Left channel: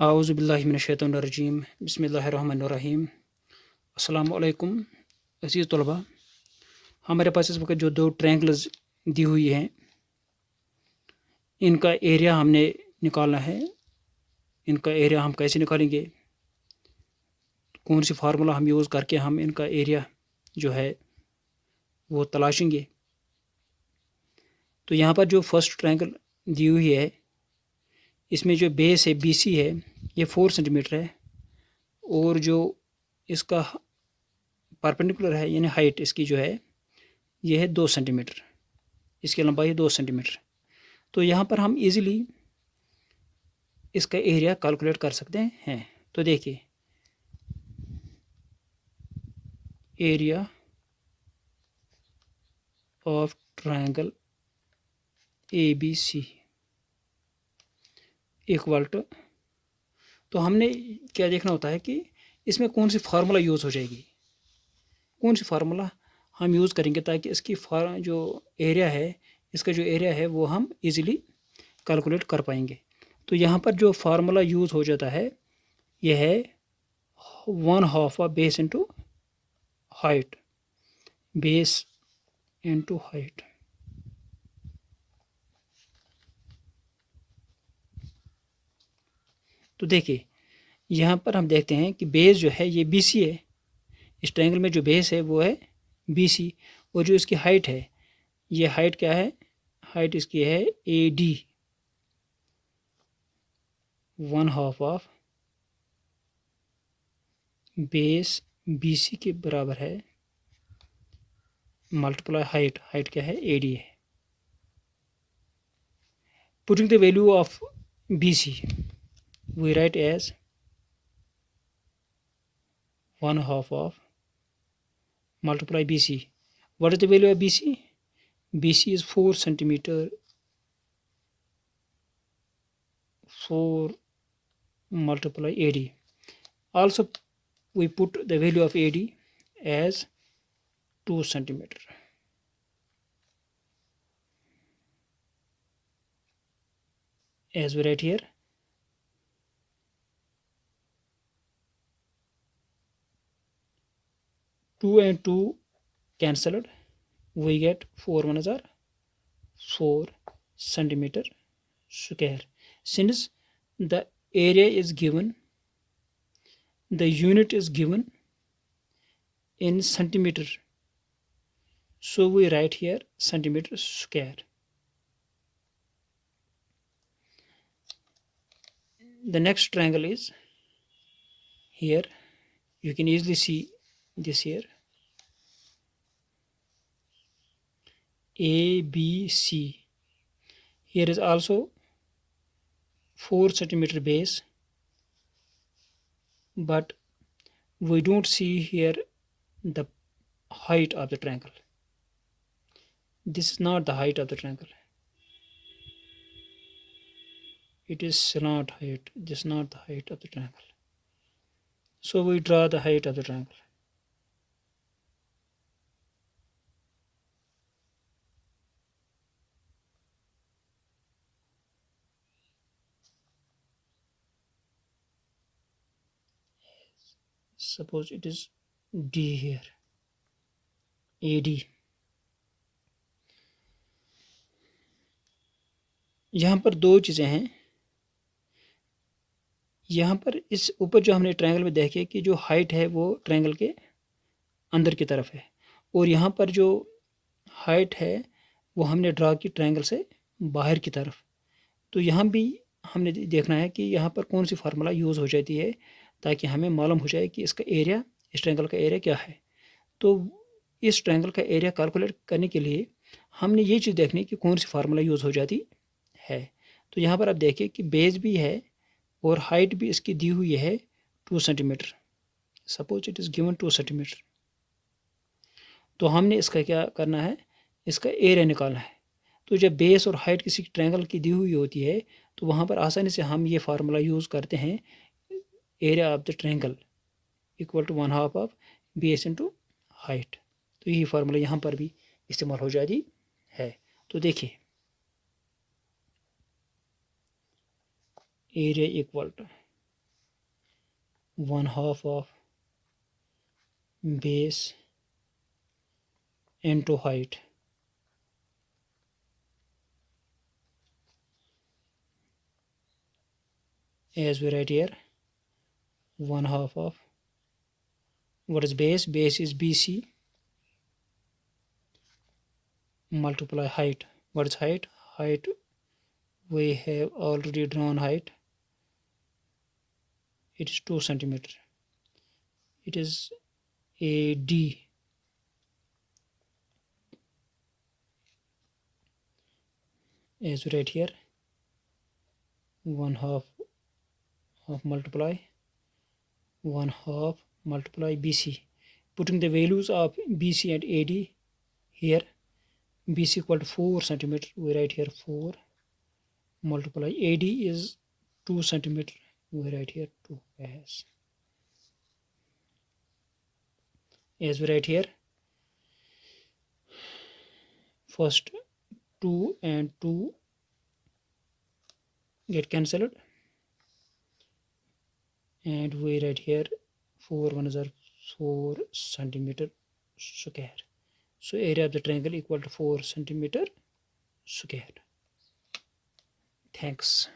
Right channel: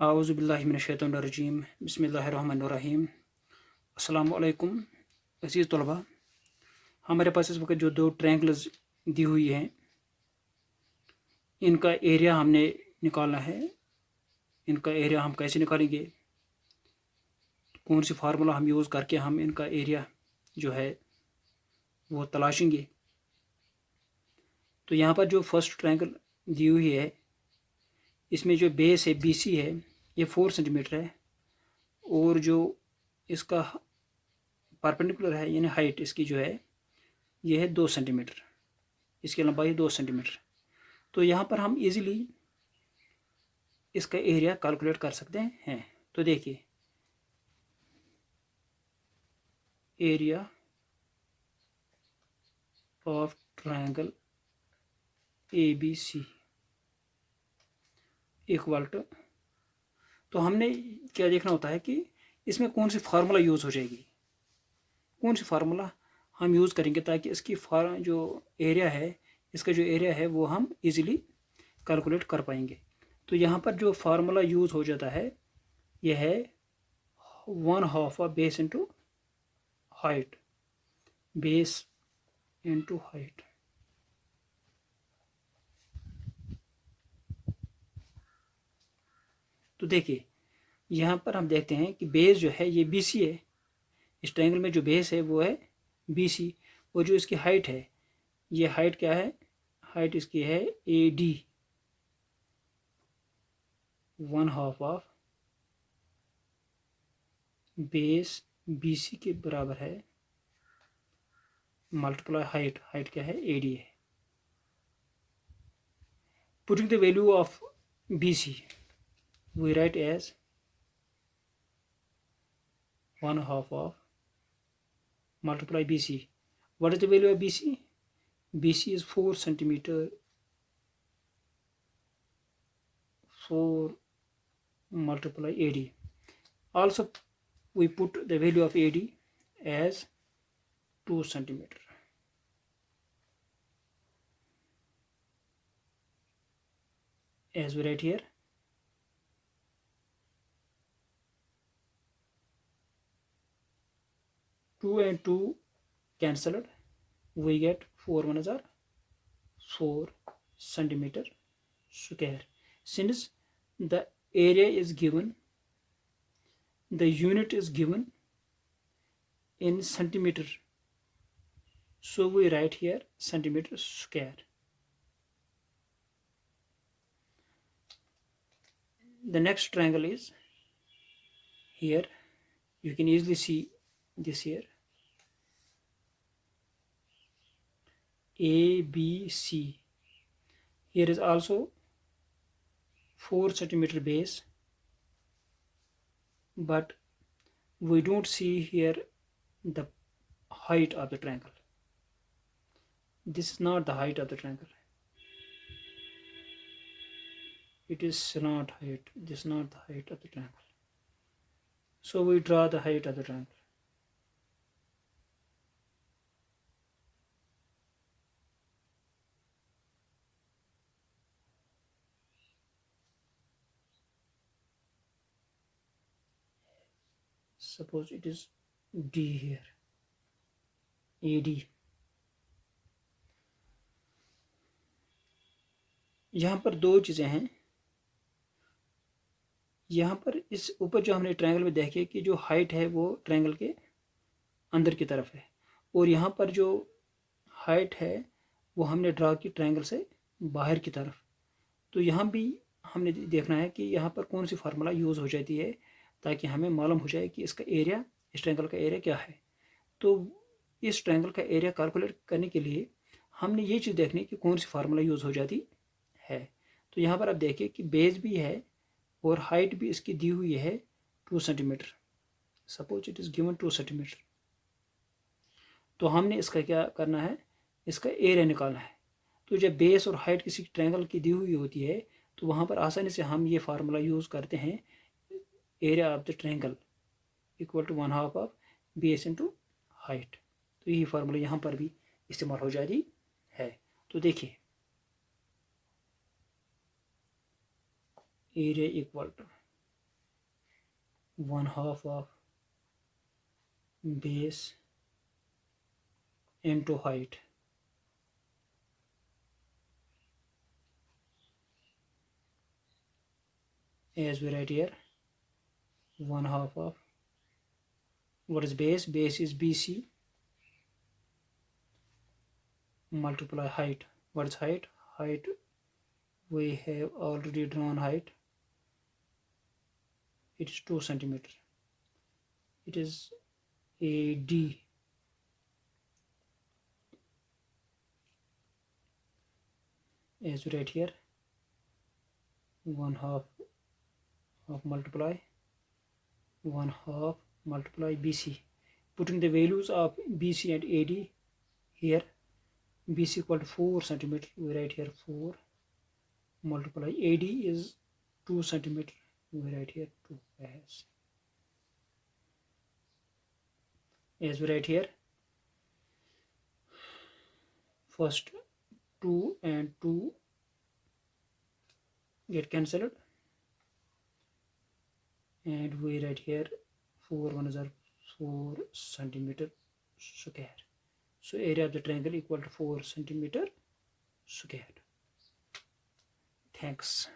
आऊज़ु बिल्लाहि मिनश-शैतानिर रजीम बिस्मिल्लाहिर्रहमानिर्रहीम। अस्सलामु अलैकुम अज़ीज़ तलबा। हमारे पास इस वक्त जो दो ट्रायंगल्स दी हुई हैं, इनका एरिया हमने निकालना है। इनका एरिया हम कैसे निकालेंगे, कौन सी फार्मूला हम यूज़ करके हम इनका एरिया जो है वो तलाशेंगे। तो यहाँ पर जो फर्स्ट ट्रायंगल दी हुई है, इसमें जो बेस है BC है, ये 4 सेंटीमीटर है, और जो इसका परपेंडिकुलर है यानी हाइट इसकी जो है ये है 2 सेंटीमीटर, इसकी लंबाई है 2 सेंटीमीटर। तो यहाँ पर हम इजीली इसका एरिया कैलकुलेट कर सकते हैं। तो देखिए, area of triangle ABC equal to, तो हमने क्या देखना होता है कि इसमें कौन सी फार्मूला यूज़ हो जाएगी, कौन सी फार्मूला हम यूज़ करेंगे ताकि इसकी जो एरिया है, इसका जो एरिया है वो हम इजीली कैलकुलेट कर पाएंगे। तो यहाँ पर जो फार्मूला यूज़ हो जाता है यह है 1/2 of base into height, base into height. तो देखिए, यहाँ पर हम देखते हैं कि बेस जो है ये BC है, इस ट्रायंगल में जो बेस है वो है BC, और जो इसकी हाइट है, ये हाइट क्या है, हाइट इसकी है AD, 1/2 ऑफ बेस BC के बराबर है मल्टीप्लाई हाइट, हाइट क्या है AD है। Putting the value of BC we write as 1/2 of multiply BC. What is the value of BC? BC is 4 centimeter, 4 multiply AD. Also we put the value of AD as 2 centimeter. As we write here, two and two cancelled, we get 4 1s are 4 centimeter square. Since the area is given, the unit is given in centimeter, so we write here centimeter square. The next triangle is here, you can easily see this here, ABC. Here is also 4 centimeter base, but we don't see here the height of the triangle. This is not the height of the triangle, it is slant height, this is not the height of the triangle. So we draw the height of the triangle. Suppose it is D here, AD. यहाँ पर दो चीज़ें हैं। यहाँ पर इस ऊपर जो हमने ट्रायंगल में देखे कि जो हाइट है वो ट्रायंगल के अंदर की तरफ है, और यहाँ पर जो हाइट है वो हमने ड्रा की ट्रायंगल से बाहर की तरफ। तो यहाँ भी हमने देखना है कि यहाँ पर कौन सी फार्मूला यूज़ हो जाती है ताकि हमें मालूम हो जाए कि इसका एरिया, इस ट्रायंगल का एरिया क्या है। तो इस ट्रायंगल का एरिया कैलकुलेट करने के लिए हमने ये चीज़ देखनी कि कौन सी फार्मूला यूज़ हो जाती है। तो यहाँ पर आप देखिए कि बेस भी है और हाइट भी इसकी दी हुई है 2 centimetre. Suppose it is given 2 सेंटीमीटर। तो हमने इसका क्या करना है, इसका एरिया निकालना है। तो जब बेस और हाइट किसी ट्रायंगल की दी हुई होती है तो वहाँ पर आसानी से हम ये फार्मूला यूज़ करते हैं, area of the triangle equal to 1/2 of base into height. तो यही फार्मूला यहाँ पर भी इस्तेमाल हो जाती है। तो देखिए, area equal to 1/2 of base into height. As we write here, 1/2 of, what is base? Base is BC multiply height. What is height? Height, we have already drawn height. It is 2 centimeter. It is AD. As we write here, 1/2 of multiply 1/2 multiply BC. Putting the values of BC and AD here, BC equal to 4 centimeter. We write here 4 multiply AD is 2 centimeter. We write here 2 as we write here, first 2 and 2 get cancelled, and we write here 4 1 is 4 centimeter square. So area of the triangle equal to 4 centimeter square. Thanks.